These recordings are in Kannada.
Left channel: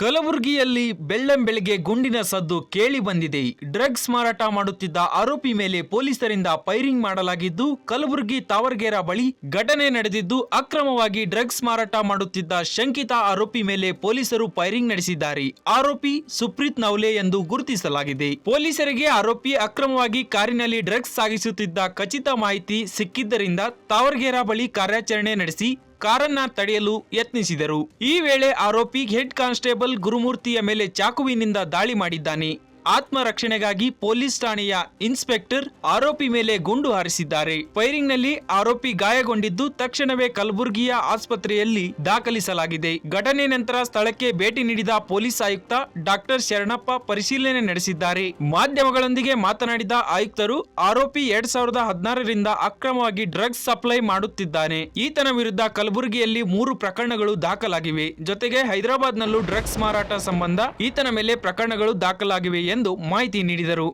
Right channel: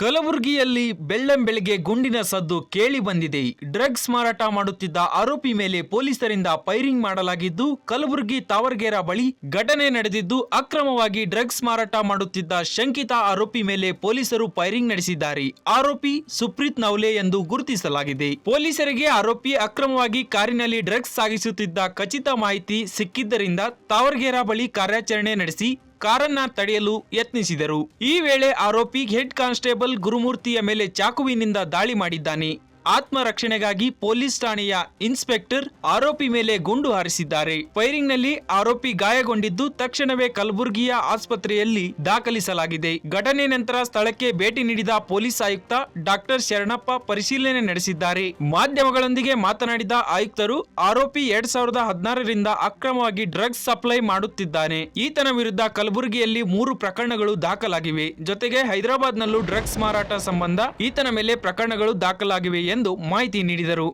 ಕಲಬುರಗಿಯಲ್ಲಿ ಬೆಳ್ಳಂಬೆಳಗ್ಗೆ ಗುಂಡಿನ ಸದ್ದು ಕೇಳಿ ಬಂದಿದೆ. ಡ್ರಗ್ಸ್ ಮಾರಾಟ ಮಾಡುತ್ತಿದ್ದ ಆರೋಪಿ ಮೇಲೆ ಪೊಲೀಸರಿಂದ ಫೈರಿಂಗ್ ಮಾಡಲಾಗಿದ್ದು, ಕಲಬುರಗಿ ತಾವರ್ಗೇರ ಬಳಿ ಘಟನೆ ನಡೆದಿದ್ದು, ಅಕ್ರಮವಾಗಿ ಡ್ರಗ್ಸ್ ಮಾರಾಟ ಮಾಡುತ್ತಿದ್ದ ಶಂಕಿತ ಆರೋಪಿ ಮೇಲೆ ಪೊಲೀಸರು ಫೈರಿಂಗ್ ನಡೆಸಿದ್ದಾರೆ. ಆರೋಪಿ ಸುಪ್ರೀತ್ ನವಲೆ ಎಂದು ಗುರುತಿಸಲಾಗಿದೆ. ಪೊಲೀಸರಿಗೆ ಆರೋಪಿ ಅಕ್ರಮವಾಗಿ ಕಾರಿನಲ್ಲಿ ಡ್ರಗ್ಸ್ ಸಾಗಿಸುತ್ತಿದ್ದ ಖಚಿತ ಮಾಹಿತಿ ಸಿಕ್ಕಿದ್ದರಿಂದ ತಾವರ್ಗೇರ ಬಳಿ ಕಾರ್ಯಾಚರಣೆ ನಡೆಸಿ ಕಾರನ್ನ ತಡೆಯಲು ಯತ್ನಿಸಿದರು. ಈ ವೇಳೆ ಆರೋಪಿ ಹೆಡ್ ಕಾನ್ಸ್ಟೇಬಲ್ ಗುರುಮೂರ್ತಿಯ ಮೇಲೆ ಚಾಕುವಿನಿಂದ ದಾಳಿ ಮಾಡಿದ್ದಾನೆ. ಆತ್ಮರಕ್ಷಣೆಗಾಗಿ ಪೊಲೀಸ್ ಠಾಣೆಯ ಇನ್ಸ್ಪೆಕ್ಟರ್ ಆರೋಪಿ ಮೇಲೆ ಗುಂಡು ಹಾರಿಸಿದ್ದಾರೆ. ಫೈರಿಂಗ್ನಲ್ಲಿ ಆರೋಪಿ ಗಾಯಗೊಂಡಿದ್ದು ತಕ್ಷಣವೇ ಕಲಬುರಗಿಯ ಆಸ್ಪತ್ರೆಯಲ್ಲಿ ದಾಖಲಿಸಲಾಗಿದೆ. ಘಟನೆ ನಂತರ ಸ್ಥಳಕ್ಕೆ ಭೇಟಿ ನೀಡಿದ ಪೊಲೀಸ್ ಆಯುಕ್ತ ಡಾಕ್ಟರ್ ಶರಣಪ್ಪ ಪರಿಶೀಲನೆ ನಡೆಸಿದ್ದಾರೆ. ಮಾಧ್ಯಮಗಳೊಂದಿಗೆ ಮಾತನಾಡಿದ ಆಯುಕ್ತರು, ಆರೋಪಿ ಎರಡ್ ಸಾವಿರದ ಹದಿನಾರರಿಂದ ಅಕ್ರಮವಾಗಿ ಡ್ರಗ್ಸ್ ಸಪ್ಲೈ ಮಾಡುತ್ತಿದ್ದಾನೆ. ಈತನ ವಿರುದ್ಧ ಕಲಬುರಗಿಯಲ್ಲಿ ಮೂರು ಪ್ರಕರಣಗಳು ದಾಖಲಾಗಿವೆ. ಜೊತೆಗೆ ಹೈದರಾಬಾದ್ನಲ್ಲೂ ಡ್ರಗ್ಸ್ ಮಾರಾಟ ಸಂಬಂಧ ಈತನ ಮೇಲೆ ಪ್ರಕರಣಗಳು ದಾಖಲಾಗಿವೆ ಎಂದು ಮಾಹಿತಿ ನೀಡಿದರು.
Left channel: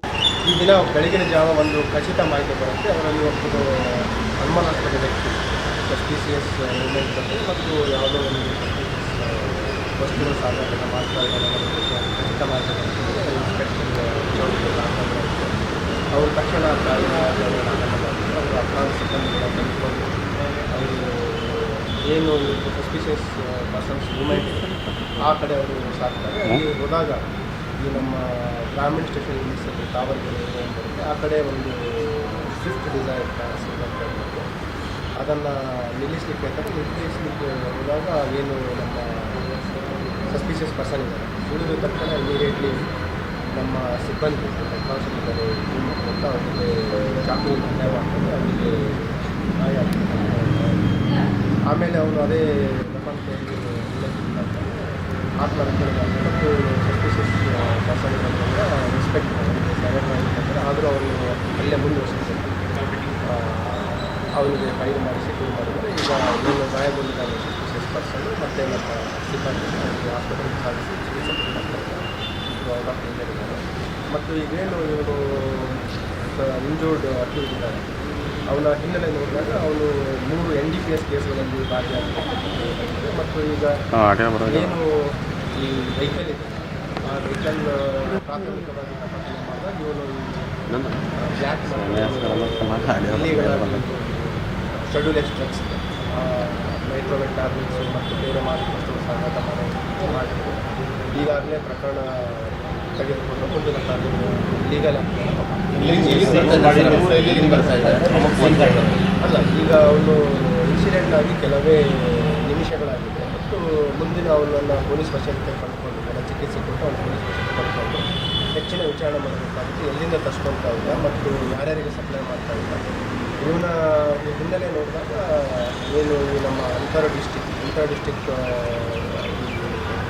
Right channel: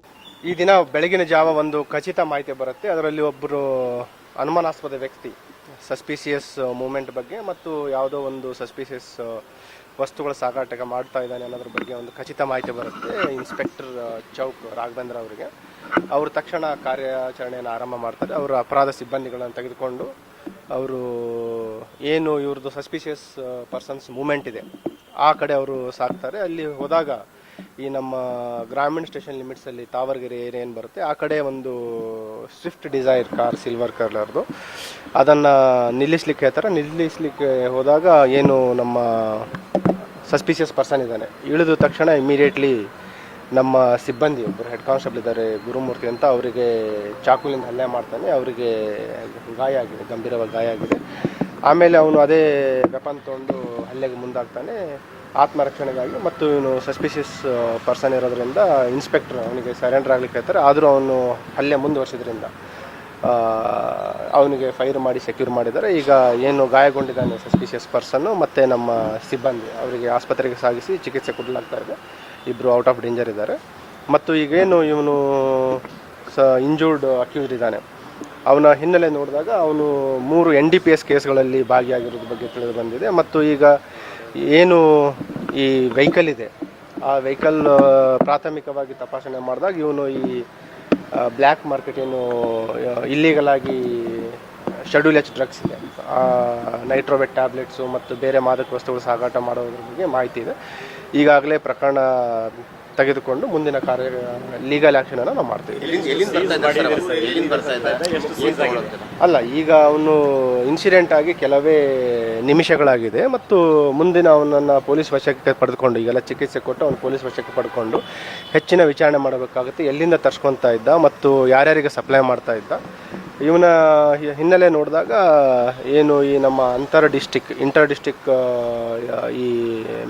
ಈ ದಿನ ಬೆಳಗಿನ ಜಾವ ಒಂದು ಖಚಿತ ಮಾಹಿತಿ ಬರುತ್ತೆ. ಅವರಲ್ಲಿ ಒಬ್ಬರು ಅನುಮಾನಾಸ್ಪದ ವ್ಯಕ್ತಿ ಸಸ್ಪಿಸಿಯಸ್ ಮೂಮೆಂಟ್ ಬಗ್ಗೆ ಮತ್ತು ಯಾವುದೋ ಒಂದು ಸಸ್ಪಿಸಿಯಸ್ ವಸ್ತುಗಳ ಸಾಗಾಟ ಮಾಡ್ತಾ ಇರೋದ್ರ ಖಚಿತ ಮಾಹಿತಿ ಬರುತ್ತೆ. ಇನ್ಸ್ಪೆಕ್ಟರ್ ಚೌಕ್ ರಾಘವೇಂದ್ರ ಅಂತ ಅವರು ತಕ್ಷಣ ಕಾರ್ಯಾಚರಣೆಯನ್ನು ಆರಂಭ ಮಾಡ್ತಾರೆ. ಅವರು ಅಪರಾಧ ಸಿಬ್ಬಂದಿಗಳನ್ನು ತೆಗೆದುಕೊಂಡು ಅವರು ಏನು ಇವರು ಸಸ್ಪಿಷಿಯಸ್ ಪರ್ಸನ್ಸ್ ಮೂಮೆಂಟ್ ಇದೆ, ಆ ಕಡೆ ಅವರು ಸಾಕ್ತಾರೆ ಅಲ್ಲಿ ಹೋದಾಗ ಈ ನಮ್ಮ ಗ್ರಾಮೀಣ ಸ್ಟೇಷನ್ ಲಿಮಿಟ್ಸಲ್ಲಿ ತಾವರ್ಗೆರೆ ಏನು ಬರುತ್ತೆ. ಆ ಕಡೆ ಒಂದು ಸ್ವಿಫ್ಟ್ ಡಿಸೈರ್ ಕಾರ್ ಸಿಲ್ವರ್ ಕಲರ್ದು ಅದನ್ನು ನಿಲ್ಲಿಸ್ಲಿಕ್ಕೆ ಹೇಳ್ತಾರೆ. ನಿಲ್ಲಿಸ್ಲಿಕ್ಕೆ ಹೋದಾಗ ಏನು ನಮ್ಮ ಸಸ್ಪಿಷಿಯಸ್ ಪರ್ಸನ್ ಇದ್ದಾನೆ. ಇಳಿದ ತಕ್ಷಣ ಇಮಿಡಿಯೇಟ್ಲಿ ನಮ್ಮ ಸಿಬ್ಬಂದಿ ಹೆಡ್ ಕಾನ್ಸ್ಟೇಬಲ್ ಇದ್ದಾರೆ ಗುರುಮೂರ್ತಿ ಅಂತ, ಅವರಿಗೆ ಚಾಕುಲಿಂದ ಹಲ್ಲೆ ಮಾಡ್ತಾರೆ. ಅವರಿಗೆ ಗಾಯ ಆಗಿದೆ ಗಂಭೀರವಾಗಿ ಗಾಯ ಆಗಿದೆ ಆಮೇಲೆ ಅವನು ಅದೇ ವೆಪನ್ ಒಂದು ಹಲ್ಲೆಗೆ ಮುಂದಾಗ್ತಾನೆ ಆತ್ಮರಕ್ಷಣೆಗಾಗಿ ಮತ್ತು ಇವನು ಸಸ್ಪಿಷಿಯಸ್ ಪರ್ಸನ್ ಇರೋದ್ರಿಂದ ಇನ್ಸ್ಪೆಕ್ಟರ್ ಅವನಿಗೆ ಸರೆಂಡರ್ ಆಗಲಿಕ್ಕೆ ಹೇಳ್ತಾರೆ. ಆದರೂ ಅವನು ಅಲ್ಲೇ ಮುಂದುವರಿಸಿದ್ರಿಂದ ಅವನಿಗೆ ಫೈರ್ ಮಾಡಿ ಸೆಕ್ಯೂರ್ ಮಾಡಿದ್ದಾರೆ. ಈಗ ಏನು ಗಾಯಗೊಂಡಿದ್ದಾನೆ ಸಸ್ಪಿಷಿಯಸ್ ಪರ್ಸನ್ನು ಮತ್ತು ನಮ್ಮ ಸಿಬ್ಬಂದಿ, ಅವರಿಗೆ ಆಸ್ಪತ್ರೆಗೆ ಸಾಗಿಸಿ ಚಿಕಿತ್ಸೆ ಕೊಡಲಾಗ್ತಾ ಇದೆ. ಇಬ್ಬರು ಔಟ್ ಆಫ್ ಡೇಂಜರ್ ಇದ್ದಾರೆ. ಮತ್ತು ಈಗೇನು ಇವನು ಸ ಇಂಜೂರ್ಡ್ ಅಕ್ಯೂಸ್ಡ್ ಇದ್ದಾನೆ. ಅವನ ಹಿನ್ನೆಲೆ ನೋಡಿದಾಗ ಅವನು ಮೂರು ಎನ್ ಡಿ ಪಿ ಎಸ್ ಕೇಸ್ಗಳಲ್ಲಿ ಭಾಗಿಯಾಗಿರುವಂಥದ್ದು ಬಗ್ಗೆ ತಿಳಿದು ಬಂದಿದೆ. ಮತ್ತು ಈಗ ಏನು ಈ ವೆಹಿಕಲ್ ಇದೆ ಆ ವೆಹಿಕಲ್ ಪ್ರಾಥಮಿಕವಾಗಿ ತಪಾಸಣೆ ಮಾಡಿದಾಗ ಇವನು ಈ ಬ್ಲ್ಯಾಕ್ ಮಾರ್ಕೆಟ್ ಏನು ಆಗಿ ಶೆಡ್ಯೂಲ್ ಡ್ರಗ್ಸ್ ಡ್ರಗ್ಸ್ ನೈಟ್ರೋವೆಟ್ ಟ್ಯಾಬ್ಲೆಟ್ಸು ಮತ್ತು ಬೇರೆ ಮಾದಕ ವಸ್ತುಗಳು ಸಾಗಾಟ ಮಾಡೋದಕ್ಕೆ ಮಾಹಿತಿ ಇದೆ. ಈಗಾಗಲೇ ಪ್ರಕರಣ ತೆಗೆದುಕೊಂಡು ಮುಂದಿನ ಕಾರ್ಯ ಲೀಗಲ್ ಆ್ಯಕ್ಷನನ್ನು ನಾವು ಮಾಡ್ತೀವಿ. ಅಲ್ಲ ಈಗ ಅವನು ಇನ್ಸಿಡೆಂಟ್ ಆಗಿ ಕೆಲವೇ ನಿಮಿಷಗಳಾಗಿದೆ ಮತ್ತು ಮುಂದಿನ ಅವನನ್ನು ಪೊಲೀಸ್ ವಶಕ್ಕೆ ಪಡೆದುಕೊಂಡು ಈಗೆಲ್ಲ ಚಿಕಿತ್ಸೆ ಕೊಟ್ಟು ಅವನು ಪೊಲೀಸ್ ವಶಕ್ಕೆ ಪಡೆದುಕೊಂಡು ಹೆಚ್ಚಿನ ವಿಚಾರಣೆ ಮಾಡಬೇಕಾಗುತ್ತೆ ಎಲ್ಲಿಂದ ತರ್ಸ್ಕೊತಾ ಇದ್ದ ಮತ್ತು ಯಾರ್ಯಾರಿಗೆ ಸಪ್ಲೈ ಮಾಡ್ತಾ ಇದ್ದ ಇವನ ಹಿನ್ನೆಲೆ ನೋಡಿದಾಗ ಏನು ಈ ನಮ್ಮ ಅಂತರ್ ಡಿಸ್ಟಿಕ್ ಇಂಟರ್ ಡಿಸ್ಟಿಕ್ ಈ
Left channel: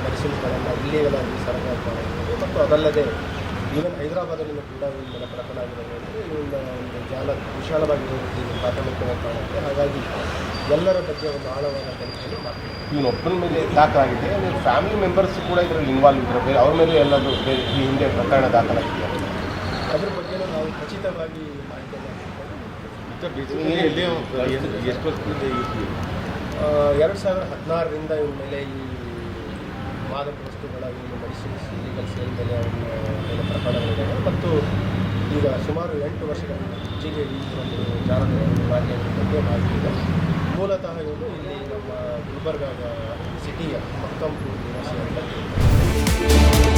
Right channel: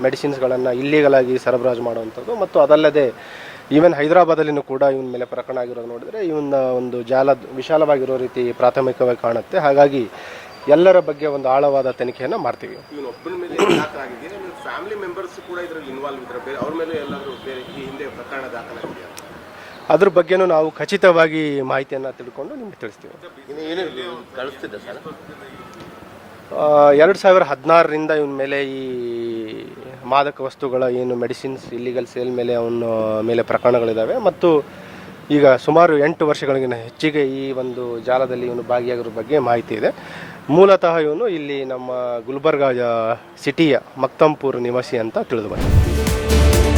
ಮೆಡಿಸಿನ್ಸ್ಗಳನ್ನು ಇಲ್ಲೀಗಲಾಗಿ ಸರಬರಾಜು ಮಾಡುವಂಥದ್ದು ಮತ್ತು ಅದಲ್ಲದೆ ಈವನ್ ಹೈದರಾಬಾದಲ್ಲಿನೂ ಕೂಡ ಇವನ ಮೇಲೆ ಪ್ರಕರಣ ಆಗಿರೋದು ನೋಡಿದರೆ ಇವನ ಒಂದು ಜಾಲ ವಿಶಾಲವಾಗಿರೋ ರೀತಿ ಪ್ರಾಥಮಿಕವಾಗಿ ಕಾಣುತ್ತೆ. ಹಾಗಾಗಿ ಎಲ್ಲರ ಬಗ್ಗೆ ಒಂದು ಆಳವಾದ ತನಿಖೆಯನ್ನು ಮಾಡ್ತೀವಿ. ಇವನು ಒಬ್ಬನ ಮೇಲೆ ದಾಖಲಾಗಿದೆ. ಫ್ಯಾಮಿಲಿ ಮೆಂಬರ್ಸ್ ಕೂಡ ಇದರಲ್ಲಿ ಇನ್ವಾಲ್ವ್ ಇದ್ದಾರೆ ಬೇರೆ ಅವ್ರ ಮೇಲೆ ಎಲ್ಲರೂ ಈ ಹಿಂದೆ ಪ್ರಕರಣ ದಾಖಲಾಗಿದೆ. ಅದ್ರ ಬಗ್ಗೆನೂ ನಾವು ಖಚಿತವಾಗಿ ಮಾಹಿತಿಯನ್ನು ತೆಗೆದುಕೊಂಡು ನಿಮ್ಗೆ ತಿಳಿಸ್ತೀವಿ. ಎರಡು ಸಾವಿರ ಹದಿನಾರರಿಂದ ಇವನ ಮೇಲೆ ಈ ಮಾದಕ ವಸ್ತುಗಳ ಏನು ಮೆಡಿಸಿನ್ಸ್ ಇಲ್ಲಿಗಲ್ ಸೇಲ್ ಮೇಲೆ ಅವನ, ಮೇಲೆ ಪ್ರಕರಣಗಳಿದ್ದಾವೆ ಮತ್ತು ಈಗ ಸುಮಾರು ಎಂಟು ವರ್ಷಗಳಿಗಿಂತ ಹೆಚ್ಚಿಗೆ ಈ ಒಂದು ಜಾಲದಲ್ಲಿ ಇವನು ಭಾಗಿಯಾಗಿರೋ ಬಗ್ಗೆ ಮಾಹಿತಿ ಇದೆ. ಮೂಲತಃ ಇವನು ಇಲ್ಲಿ ನಮ್ಮ ಗುಲ್ಬರ್ಗಾ ಸಿಟಿಯ ಮಕ್ತಂಪುರ್ ನಿವಾಸಿ ಅಂತ ತಿಳಿದು ಬಂದಿದೆ.